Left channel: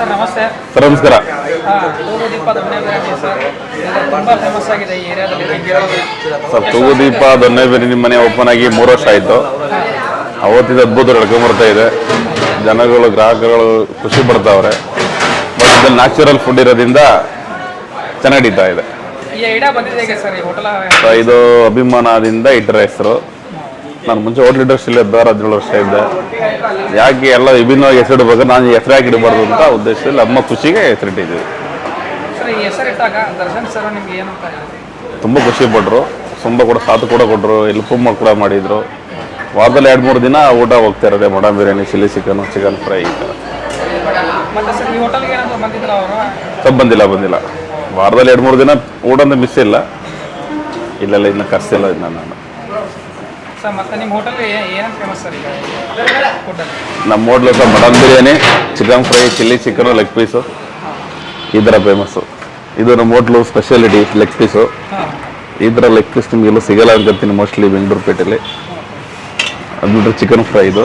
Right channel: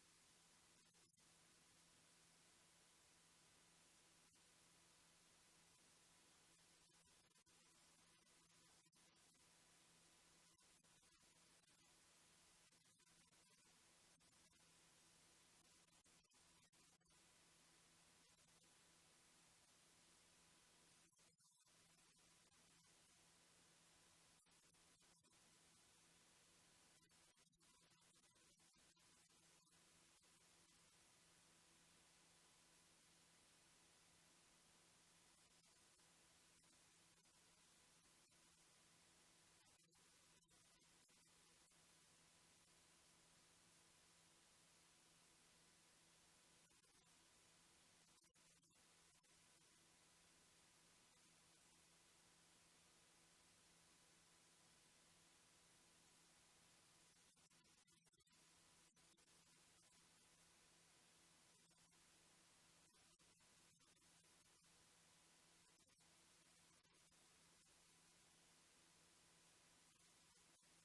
Sir ನಮಸ್ಕಾರ. ತೂಗುದೀಪ ದೊಣ್ಣೆ biryani sir. ಇದು ಫೇಮಸ್ ಆಗಿದೆ ಈ ಏರಿಯಾದಲ್ಲಿ. ಸರ್ ತೂಗುದೀಪ ದೊನ್ನೆ ಬಿರಿಯಾನಿ ಮನೆ ಓಪನ್ ಆಗಿ ಮೂರು ವರ್ಷ ಆಯಿತು. ಅವತ್ತಿದ ಅದ್ಭುತ ನಡ್ಕೊಂಬರ್ತಾ ಇದೆ. ಜನಗಳು ಗ್ರಾಹಕಗಳು ಖುಷಿ ಪಡ್ತಾವ್ರೆ. ಬಟ್ ಇದು ನ್ಯಾಚುರಲ್ ಫುಡ್ ಇರೋದ್ರಿಂದ ಚೆನ್ನಾಗಿ ನಡೀತಾ ಇದೆ. ಈ ಐಡಿಯಾ ಬಂದಿದೆ ಹೇಗೆ ಸರ್ ಈ ಹೋಟೆಲ್ ಸೊ ಇದು ಅಭಿಮಾನದಿಂದ ಇಟ್ಟರ ಹೆಸರು. ನಾನು ಮುಂಚೆ ಹೋಟ್ಲ್ ಲೀಡರ್ಸ್ ಇಲ್ಲೇ ಇದ್ದ ಹದಿನೇಳು ವರ್ಷ ಇದ್ದೆ. ಯಾಕೆ ಎಲ್ಲ ವಿಭಿನ್ನವಾಗಿ ಹೆಸರಿಡ್ಬೇಕು? ನಾನು ಹೆಸರು ಯಾಕೆ ಇಡಬಾರ್ದು ಅಂತ ಉದ್ದೇಶದಲ್ಲಿ ಅಮ್ಮ ಖುಷಿಗೆ ಹೆಸರಿಟ್ಟಿದ್ದೀವಿ. ತುಂಬ ಖುಷಿ ಪಟ್ಟರು ತುಂಬ ಕೂಡ ಸಾಥ್ ಕೂಡ ಕೊಟ್ಟರು ಪುಮ್ಮ ಕೂಡ ಮಾಡಿದರು. ವಾರದಲ್ಲಿ ಎರಡು ಮೂರು ದಿನ ಊಟ ಹೋಗ್ತಾ ಇರೋದೆ mutton biryani chilli chicken chicken fry ಈ ಥರ. ಸರ್ ಬಂದಿಲ್ಲ ಬಂದಿಲ್ಲ. ವಾರದಲ್ಲಿ ಎರಡು ಮೂರು ದಿನ ಊಟ ಮಿಸ್ ಇಲ್ಲ. ಇಲ್ಲೆಲ್ಲ ಇನ್ನು ಕರ್ಸಿಲ್ಲ ಇನ್ನು ನಾನು. ನಿಮ್ಮ hotel sir mutton biryani chicken fry chilli chicken leg piece ಈ ಥರ ಫೇಮಸ್ಸು ಇದು ನಮ್ಮ ಹೋಟ್ಲು ಸ್ಪೆಷಾಲಿಟಿ ಲೆಗ್ ಪೀಸು ಈ ಥರ ಲೆಗ್ ಪೀಸ್ ನಿಮಗೆಲ್ಲೂ ಸಿಗಲ್ಲ ಅನ್ಕೊತೀನಿ ಮೋಸ್ಟ್ಲಿ ಬೆಂಗಳೂರು ಪೇಟೆಯಲ್ಲಿ ಅದು ಬಿಟ್ಟರೆ ಚಿಕನ್ ಫ್ರೈ ಇದು.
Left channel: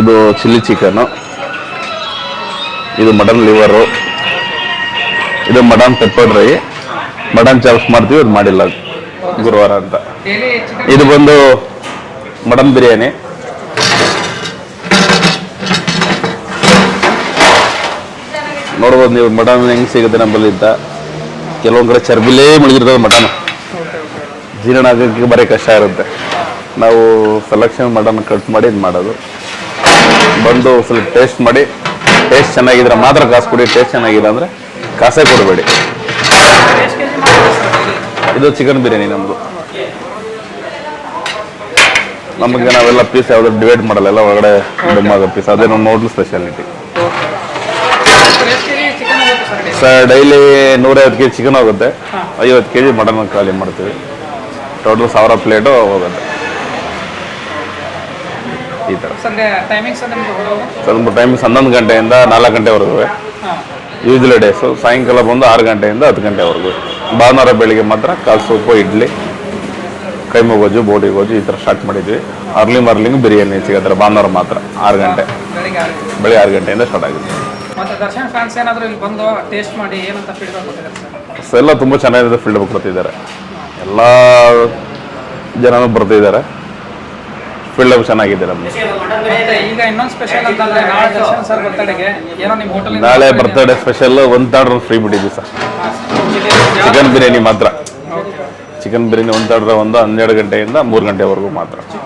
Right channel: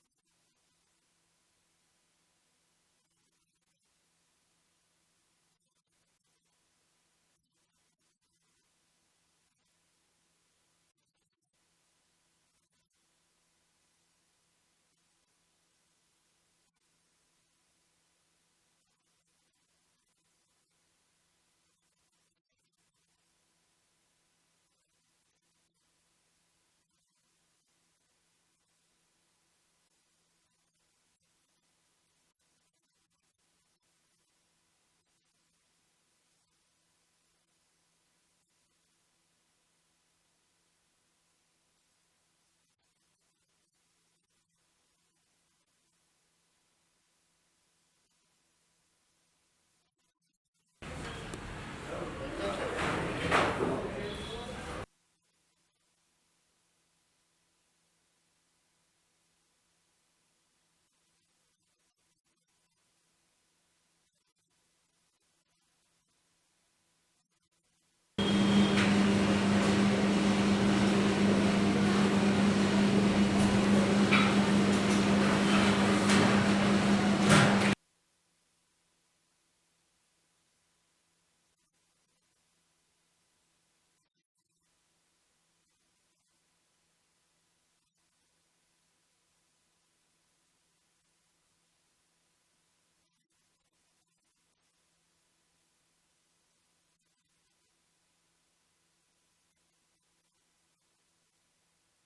ಇದು ಚಿಲ್ಲಿ ಚಿಕನು ಇದು ಮಟನ್ ಲಿವರು ಇದು mutton pepper dry mutton chops ಮಾಡ್ತೀವಿ, ಅದು ಮಾಡಿಲ್ಲ. ಗುರುವಾರ ಅಂತ. ಇದು ಬಂದು ಮಟನ್ ಬಿರಿಯಾನಿ. ನೋಡ್ಬೋದು ನೀವು ಮಟನ್ ಹೆಂಗೆ ಸಿಗುತ್ತೆ ನಮ್ಮಲ್ಲಿ ಅಂತ. ಕೆಲವೊಂದು ಕಡೆ ಚರ್ಬಿಲೇ ಮುಳುಗಿರ್ತದೆ ಮಟನ್. ಜೀರ್ಣ ಆಗೋಕ್ಕೆ ಬರೀ ಕಷ್ಟ ಇರುತ್ತೆ. ನಾವು ಸೆಲೆಕ್ಷನ್ ಮಟನ್ ಕಟ್ ಮಾಡಿ ಇದು ಮಾಡೋದು. ಬಂದು ಸ್ವಲ್ಪ ಟೇಸ್ಟ್ ಮಾಡಿ. ಟೇಸ್ಟ್ ಚೆನ್ನಾಗಿದ್ರೆ ಮಾತ್ರ ಕಾಸು ಕೊಡಿ ಟೇಸ್ಟ್ ಚೆನ್ನಾಗಿದೆ ಅಂದರೆ ಕಾಸೇ ಕೊಡಬೇಡಿ ಎಷ್ಟು ಕೆ ಜಿ ಮಾಡ್ತೀರಾ ಸರ್ ಡೈಲಿ ಇದು ಚಿಕನ್ ಬಿರಿಯಾನಿ ನಮ್ಮದು ನಮಗೆ ನಾವೆಲ್ಲ ಪೀಸ್ ಯಾವ್ದು ಡಿವೈಡ್ ಮಾಡಲ್ಲ ಎಲ್ಲ ಒಳಗಡೆ ಡುಮ್ಮಾಗೋ ಪೀಸ್ ಅದೇ ನಮ್ಮ ಹೋಟ್ಲ್ ಸ್ಪೆಷಾಲಿಟಿ ಸರ್ ಡೈಲಿ ನೂರೈವತ್ತು ಕೆ ಜಿ ಚಿಕನ್ ಹೋಗುತ್ತೆ. ಐವತ್ತು ಕೆ ಜಿ ಮಟನ್ ಖಾಲಿ ಮಾಡ್ತೀವಿ. ಟೋಟಲ್ ಸಾವಿರ ಪ್ಲೇಟು ಹೋಗುತ್ತೆ. ಈ ಥರ ಸರ್ ಸ್ವಲ್ಪ ಟೈಮಿಂಗ್ಸ್ ಹನ್ನೊಂದು ಗಂಟೆಯಿಂದ ನಾಲ್ಕು ಗಂಟೆವರೆಗೂ. ಯೂಸ್ಲಿ ಡೇಸು ಸಾಯಂಕಾಲ ಬಂದು ಆರು ಗಂಟೆಯಿಂದ ಹತ್ತು ಗಂಟೆವರೆಗೂ. ಭಾನುವಾರ ಬೆಳಿಗ್ಗೆ ಮಾತ್ರ ಕಾಲು ಸೂಪು ಇಡ್ಲಿ ಕೈಮು ಗೊಜ್ಜು ಬೋಡಿ ಗೊಜ್ಜು ಈ ಥರ ಸ್ಟಾರ್ಟ್ ಮಾಡಿದ್ವಿ. ಅರ್ಲಿ ಮಾರ್ಲಿಂಗ್ ಬಿರಿಯಾನಿ ಸಿಗತ್ತಾರೆ ಭಾನುವಾರ ಮಾತ್ರ ಆರು ಗಂಟೆ. ಬೆಳಿಗ್ಗೆ ಆರು ಗಂಟೆಯಿಂದ ಸ್ಟಾರ್ಟ್ ಆಗಿದೆ. ಎಲ್ಲ ತುಂಬ ಚೆನ್ನಾಗಿದೆ ಫೀಲ್ಡ್ ಕೊಡ್ತಿದ್ದಾರೆ. ಎಲ್ಲ ಜನನೂ ಬರ್ತಿದ್ದಾರೆ. ಫೀಲ್ಡ್ ಚೆನ್ನಾಗಿದೆ ನಮ್ಮ ನಾಳೆ ಬರ್ತಡೇ ಸ್ಪೆಷಲ್ ಒಂದು ಆರ್ಡರ್ ಫ್ರೀ ಬಿಟ್ಟಿದ್ವಿ ಸರ್ ಚಿಕನ್ ಬಿರಿಯಾನಿ ಮಾತ್ರ. ಚಿಕನ್ ಬಿರಿಯಾನಿ ಒಂದು ಆರ್ಡರ್ ಒಂದು ಹನ್ನೆರಡು ಗಂಟೆಯಿಂದ ಮೂರು ಗಂಟೆವರೆಗೂ ಮಾತ್ರ. ಸರ್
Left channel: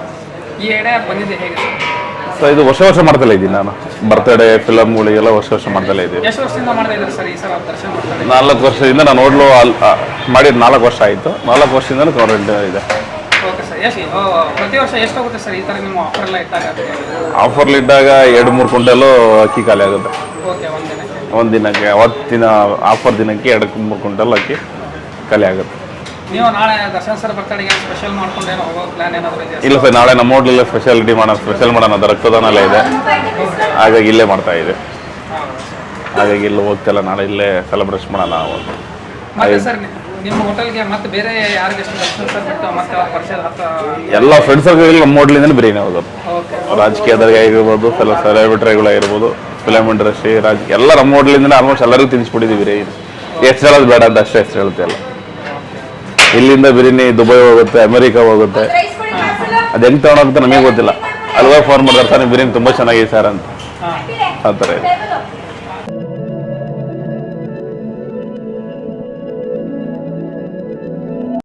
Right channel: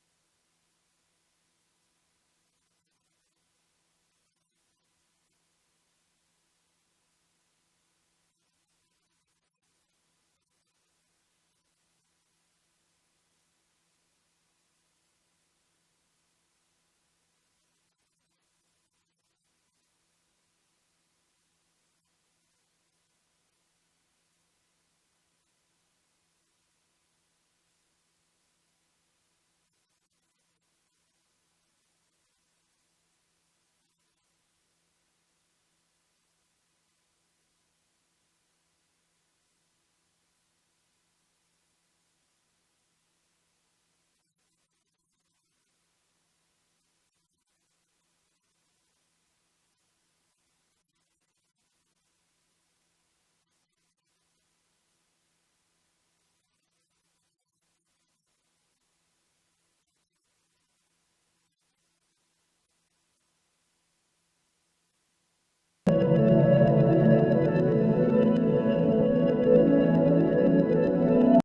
ಸೊ ಇದು ವರ್ಷ ವರ್ಷ ಮಾಡ್ತಲೇ ಇದ್ದೀನಿ ನಾನು. ಬರ್ತಡೇ ಫಿಲಮ್ಗಳಿಗೆಲ್ಲ ವರ್ಷ ವರ್ಷ ಮಾಡ್ತಲೇ ಇದ್ದೀನಿ. ನಾಲ್ಕು ವರ್ಷದಿಂದ ನಾನು ನೋಡಲು ಅಲ್ಲಿ ಮಾಡಿದ ನಾಲ್ಕು ವರ್ಷ ಆಯಿತು. ನಾಲ್ಕು ವರ್ಷದಿಂದ ಕವರೆಂಟ್ ಇದೆ. ಆಫರ್ಲಿದ್ದಾಗ ಎರಡು ಮೂರು ಕುಂಟೆಲ್ಲೂ ಅಕ್ಕಿ ಖಾಲಿ ಆಗುತ್ತೆ. ಒಂದು ದಿನಕ್ಕೆ ಅವತ್ತಿನ ಆಫರ್ ದಿನಕ್ಕೆ ಎರಡು ಮೂರು ಕ್ವಿಂಟಲ್ ಅಕ್ಕಿ ಖಾಲಿ ಆಗುತ್ತೆ. ನೀವು ನಾಳೆ ದರ್ಶನ್ ಸರ್ ಬರ್ತಡೆಗೆ ಸ್ಪೆಷಲ್ ಮಾಡ್ಕೊಂಡು ಏನೋ ಹೋಗೋ ಪ್ಲಾನ್ ಏನಾದರೂ ಇದೆ ಇಲ್ಲ ಸರ್ ನಾಳೆ ನಮ್ಮ ಹೋಟ್ಲಲ್ಲೇ ಸ್ಪೆಷಾಲಿಟಿ ಮಾಡೋಣ ಸ್ಪೆಷಲ್ ಮಾಡೋಣ ಅದು ರಕ್ತದಾನ ಎಲ್ಲ ಇದೆ. ಹಾಗಾಗಿ ಇಲ್ಲೇ ಮಾಡ್ತಾ ಇದೆ. ಹಾಗಾಗಿ ಇಲ್ಲಿ ಹೋಗ್ತಿಲ್ಲ ನಾಳೆ ಇಲ್ಲೇ ಸೆಲೆಬ್ರೇಷನ್ ಮಾಡೋಣ ನಾವು ಮತ್ತೆ ಸರ್ ನಿಮ್ಮ ಹೋಟೆಲ್ಗೆ ಮತ್ತೆ ಬೇರೆ ಯಾರಿಗೆ ದರ್ಶನ್ ಸರ್ ಬಿಟ್ಟು ಮತ್ತೆ ಅವ್ರ ಪರಿಚಯ ಹತ್ತ ಎಲ್ಲ ಫ್ರೆಂಡ್ಸ್ ಸರ್ಕಲ್ ನಮ್ಮ ಹೋಟ್ಲಿಂದ ಬಿರಿಯಾನಿ ಹೋಗೋದು. ಓಕೆ ರಾಜಕೀಯದಾಗ ಆಗಿರ್ಬೋದು ಸೆಲೆಬ್ರಿಟಿಗಳಾಗಿರ್ಬೋದು ಫಿಲಮ್ ಇಂಡಸ್ಟ್ರಿ ರಾಜ್ ಎಲ್ಲ ನಮ್ಮ ಹೋಟ್ಲಿಂದ ಆಲ್ಮೋಸ್ಟ್ ಎಲ್ಲರಿಗೂ ತಿನ್ನಿಸ್ಬಿಟ್ಟಿದ್ದೀವಿ ಬಿರಿಯಾನಿ ಎಷ್ಟು ಹೇಳೋದು ಬೇಡ ಅಂತ ಅಷ್ಟೇ ಹೆಸರು ಹೇಳ್ತಿಲ್ಲ ಇಲ್ಲಿಂದ ಬಿರಿಯಾನಿ ದುಬೈ ಹೋಗುತ್ತೆ, ಅಮೆರಿಕಾ ಹೋಗುತ್ತೆ. ಅದು ಹೆಂಗೆ ತೊಗೊಂಡೋಗುತ್ತೆ ನಮಗೆ ಗೊತ್ತಿಲ್ಲ. ಅಲ್ವಾ ಫೋನ್ ಮಾಡಿದ್ರೆ ಸರ್ ನಿಮ್ಮ ಬಿರಿಯಾನಿ ತುಂಬ ಚೆನ್ನಾಗಿದೆ ಸರ್ ಅಂತ. ಆ ಥರ ಇದೆ.